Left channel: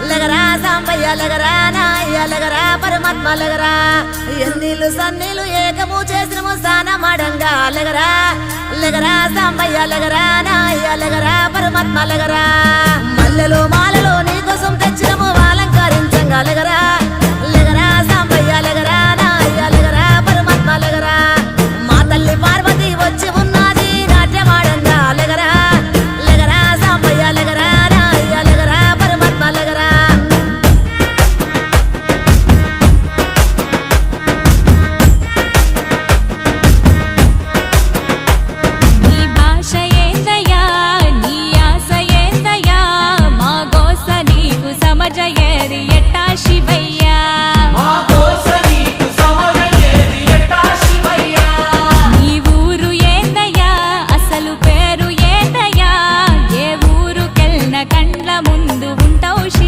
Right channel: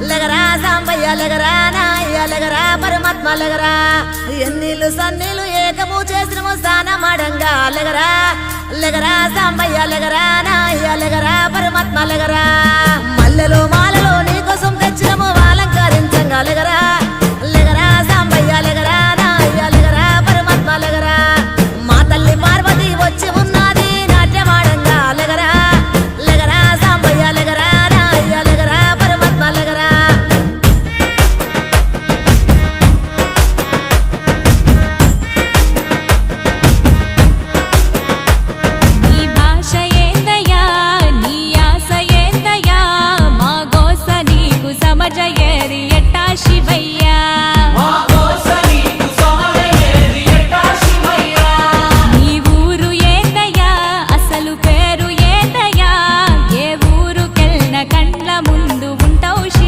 లగరా సాంబయ్య లగరా నాయ్య లగరా పరమాత్మ లగరా ఎన్నీళ్ళు సన్నీళ్ళు ఏకము చేసినము స్నానమాడంగా లగరా లగరా సాంబయ్య లగరా నాయ్య లగరా పరమాత్మ లగరా మల్లెలు మాలలో నీకోసం తెచ్చినము అలంకరించంగా లగరా లగరా సాంబయ్య లగరా నాయ్య లగరా పరమాత్మ లగరా మా తల్లి పార్వతి వచ్చి ఉన్నది నాట్యమాడంగా లగరా లగరా సాంబయ్య లగరా నాయ్య లగరా పరమాత్మ లగరా నీ భాష ఏందయ్యా నీ ఆశ ఏందయ్యా మా గోస నీకు సమజయేది ఎట్టా శివయ్యా మా గోస నీకు